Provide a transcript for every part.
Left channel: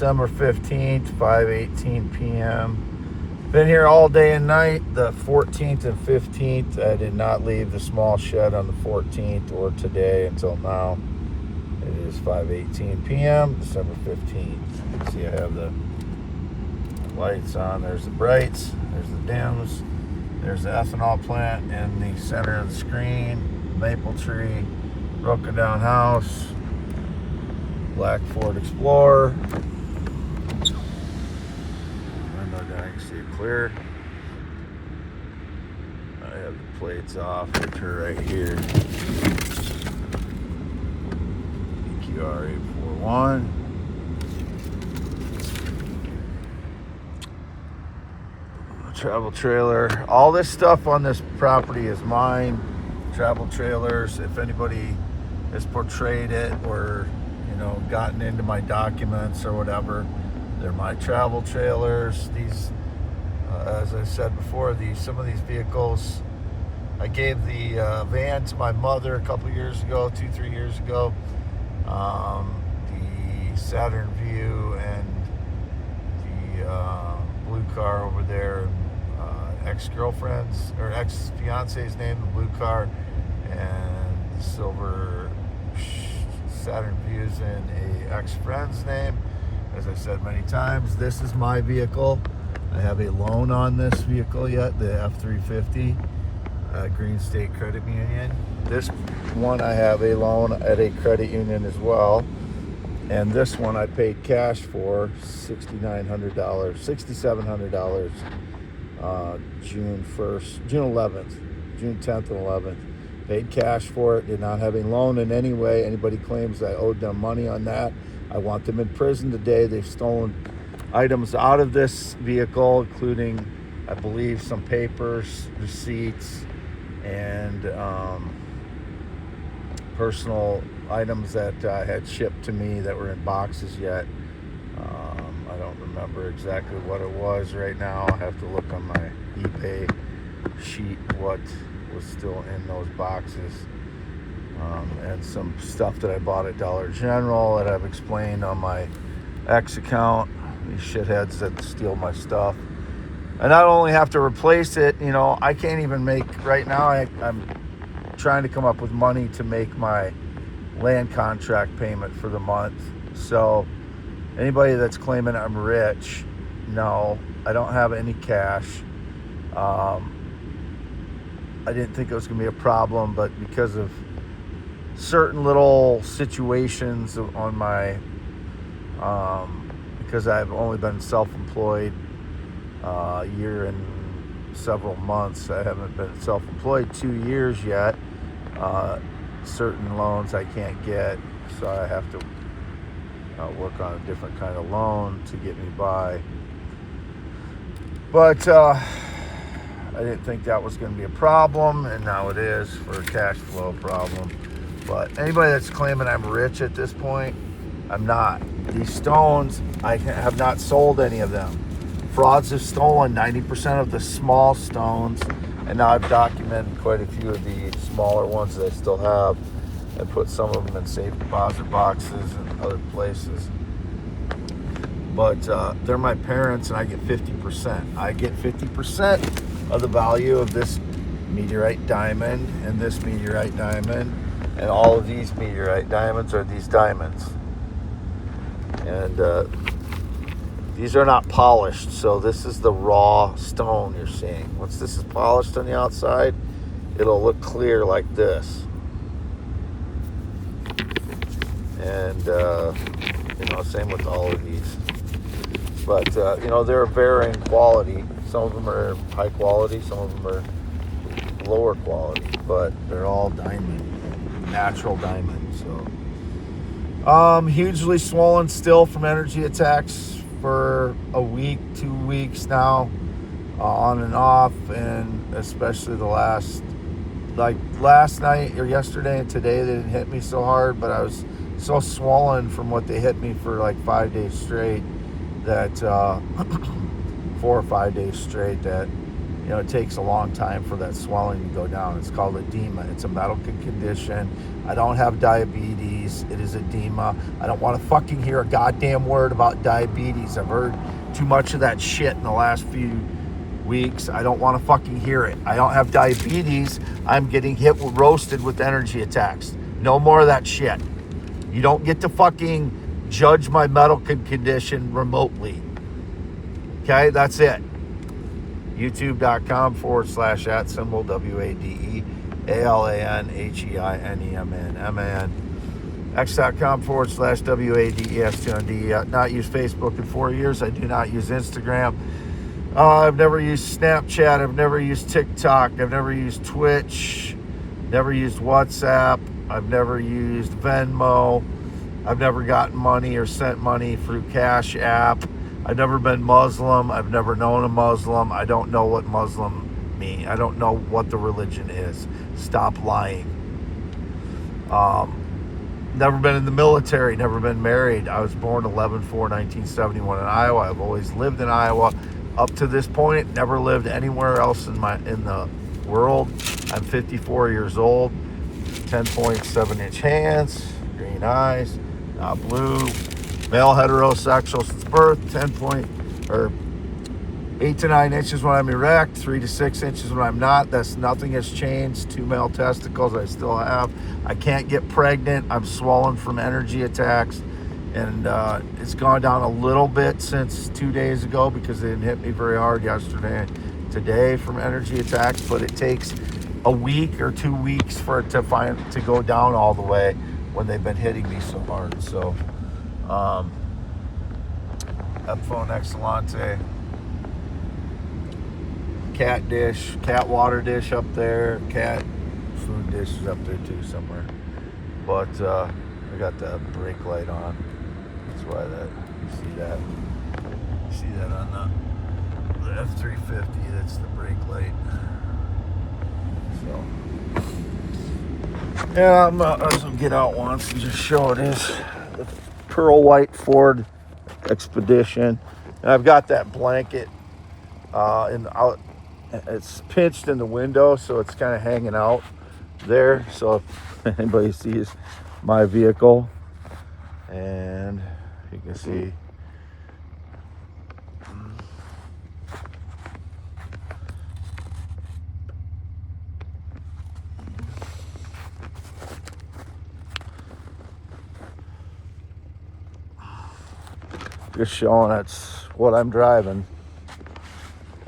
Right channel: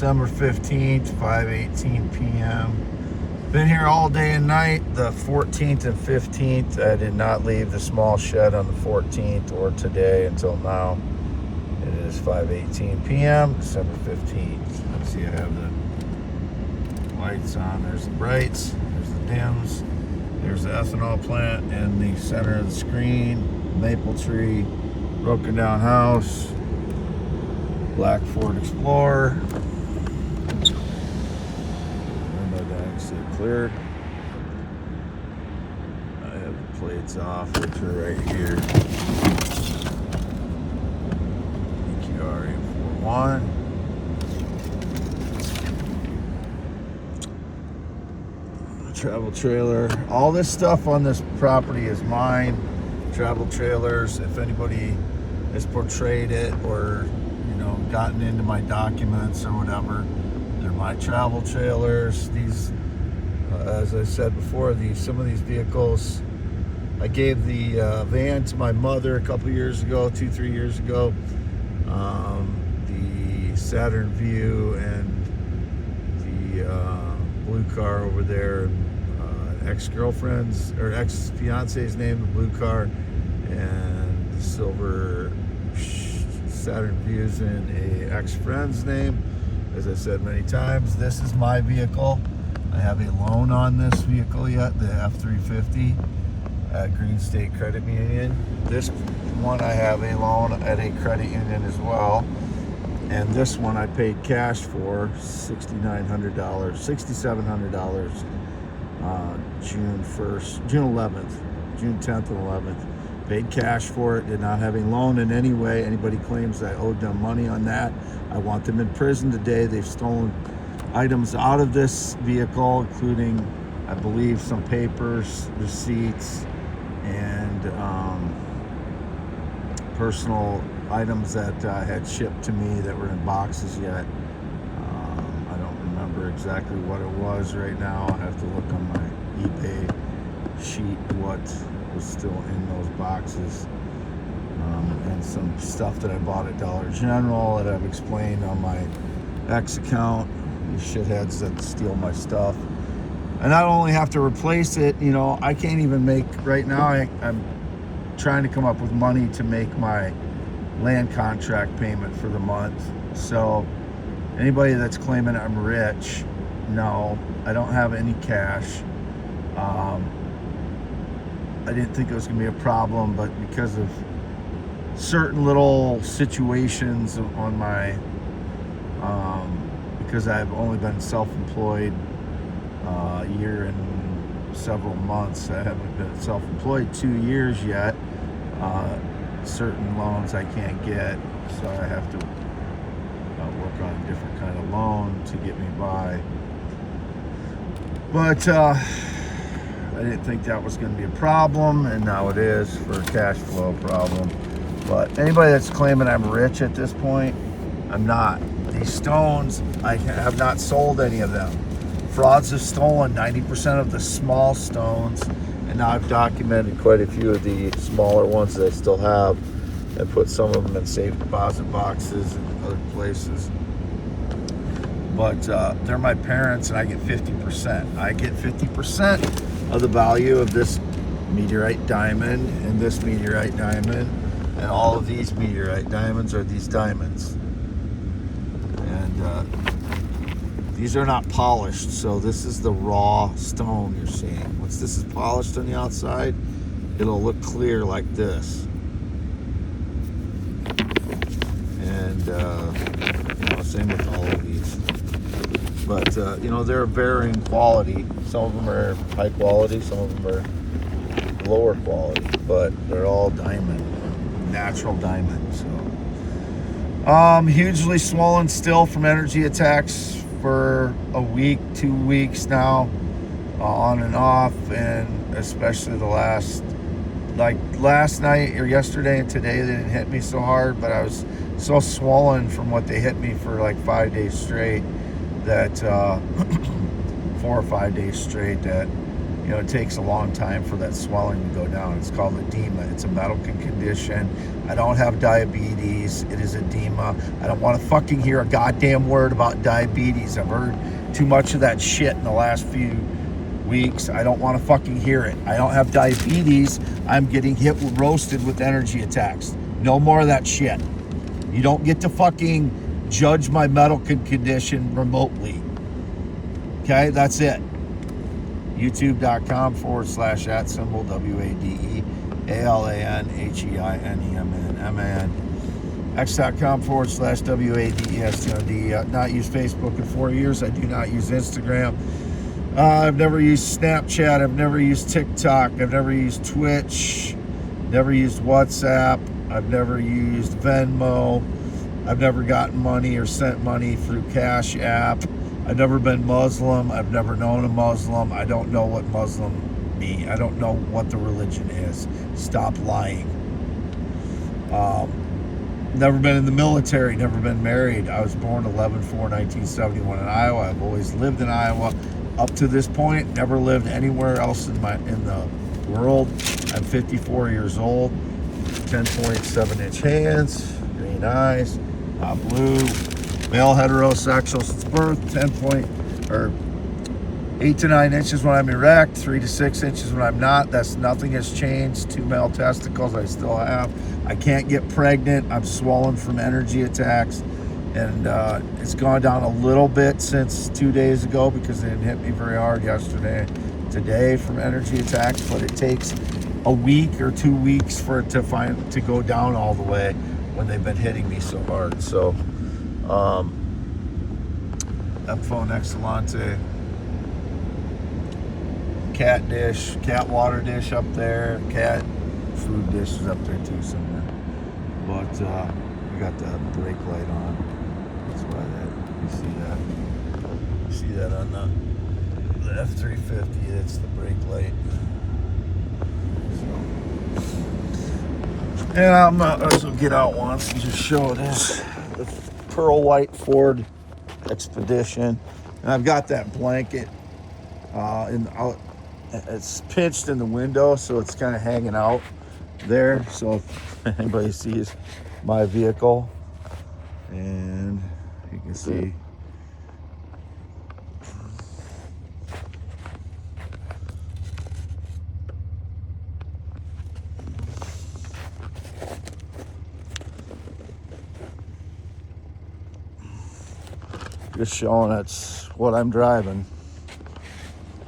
December 15th, 5:18 p.m. Been here all day and night, the 14th and 15th. I did not leave the small shed on the 14th or today until now. It is 5:18 p.m., December 15th. You can see I have the lights on. There's the brights, there's the dims, there's the ethanol plant in the center of the screen, maple tree, broken down house, black Ford Explorer. Window down, you can see it clear. I have the plates off, which are right here. EQR 841. Travel trailer. All this stuff on this property is mine. Travel trailers. If anybody has portrayed it or gotten into my documents or whatever, they're my travel trailers. These, as I said before, some of these vehicles, I gave the van to my mother a couple years ago, 2-3 years ago. The Saturn View and the blue car over there, ex-girlfriend's or ex-fiance's name, the blue car, and the silver Saturn Views in a ex-friend's name. As I said many times, this is my vehicle. I have a loan on this vehicle yet, the F-350 Green State Credit Union. This one I have a loan at a credit union as well. And this one I paid cash for $6,700 June 11th, June 10th and 11th. Paid cash for it, did not have a loan in any way. Anybody claims that I owed them money on that, I want them in prison today. They've stolen items out of this vehicle, including, I believe, some papers, receipts, and personal items that had shipped to me that were in boxes yet. I don't remember exactly what it was right now. I have to look on my eBay sheet what was still in those boxes, and some stuff that I bought at Dollar General that I've explained on my X account. These shitheads that steal my stuff. I not only have to replace it, I can't even make, right now I'm trying to come up with money to make my land contract payment for the month. So anybody that's claiming I'm rich, no, I don't have any cash. I didn't think it was going to be a problem, but because of certain little situations on my, because I've only been self-employed a year and several months, I haven't been self-employed 2 years yet. Certain loans I can't get, so I have to work on a different kind of loan to get me by. But I didn't think that was going to be a problem, and now it is for a cash flow problem. But anybody that's claiming I'm rich at this point, I'm not. These stones, I have not sold any of them. Frauds have stolen 90% of the small stones, and now I've documented quite a few of the smaller ones that I still have, and put some of them in safe deposit boxes and other places. But they're my parents, and I get 50%. I get 50% of the value of this meteorite diamond and this meteorite diamond, and all of these meteorite diamonds are these diamonds. And these are not polished, so this is the raw stone you're seeing. Once this is polished on the outside, it'll look clear like this. And same with all of these. But they're varying quality. Some of them are high quality, some of them are lower quality, but they're all diamond, natural diamond. So hugely swollen still from energy attacks for a week, 2 weeks now, on and off, and especially the last night or yesterday and today, they didn't hit me so hard, but I was so swollen from what they hit me for like 5 days straight that 4 or 5 days straight that you know, it takes a long time for that swelling to go down. It's called edema. It's a medical condition. I don't have diabetes. It is edema. I don't want to fucking hear a goddamn word about diabetes. I've heard too much of that shit in the last few weeks. I don't want to fucking hear it. I don't have diabetes. I'm getting roasted with energy attacks. No more of that shit. You don't get to fucking judge my medical condition remotely. Okay, that's it. YouTube.com/@symbol WADEALANHEINEMN X.com/WADESTOND. Not used Facebook in 4 years. I do not use Instagram. I've never used Snapchat. I've never used TikTok. I've never used Twitch. Never used WhatsApp. I've never used Venmo. I've never gotten money or sent money through Cash App. I've never been Muslim. I've never known a Muslim. I don't know what Muslim means. I don't know what the religion is. Stop lying. Never been in the military. Never been married. I was born 11/4/1971 in Iowa. I've always lived in Iowa up to this point. Never lived anywhere else in the world. I'm 54 years old. 10.7-inch hands. Green eyes. Not blue. Male heterosexual since birth, 8 to 9 inches when I'm erect, 3 to 6 inches when I'm not. Nothing has changed. 2 male testicles I still have. I can't get pregnant. I'm swollen from energy attacks, and it's gone down a little bit since 2 days ago because they didn't hit me very hard yesterday, today from energy attacks. But it takes a week or 2 weeks for it to go down all the way when they've been hitting me so hard. So. Phone Excellente, cat water dish up there, cat food dish is up there too somewhere. But we got the brake light on. That's why you see that on the F-350. That's the brake light. So yeah, I'm gonna get out once and just show this. Pearl white Ford Expedition, and I've got that blanket it's pinched in the window, so it's kind of hanging out there, so if anybody sees my vehicle, and you can see just showing it's what I'm driving.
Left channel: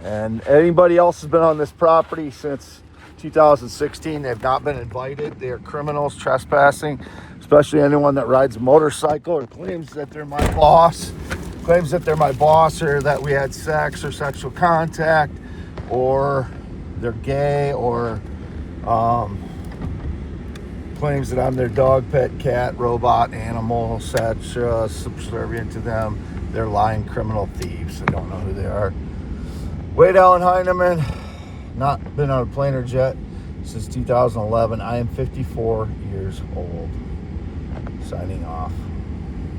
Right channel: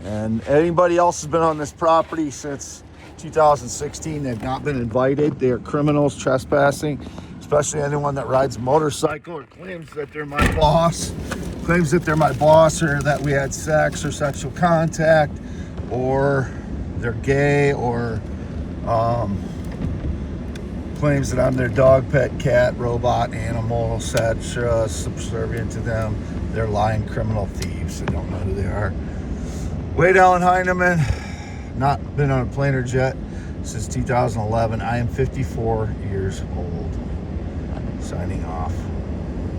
And anybody else has been on this property since 2016, they've not been invited. They are criminals trespassing, especially anyone that rides a motorcycle or claims that they're my boss, or that we had sex or sexual contact, or they're gay, or claims that I'm their dog, pet, cat, robot, animal, etc., subservient to them. They're lying criminal thieves. I don't know who they are. Wade Allen Heineman, not been on a plane or jet since 2011. I am 54 years old. Signing off.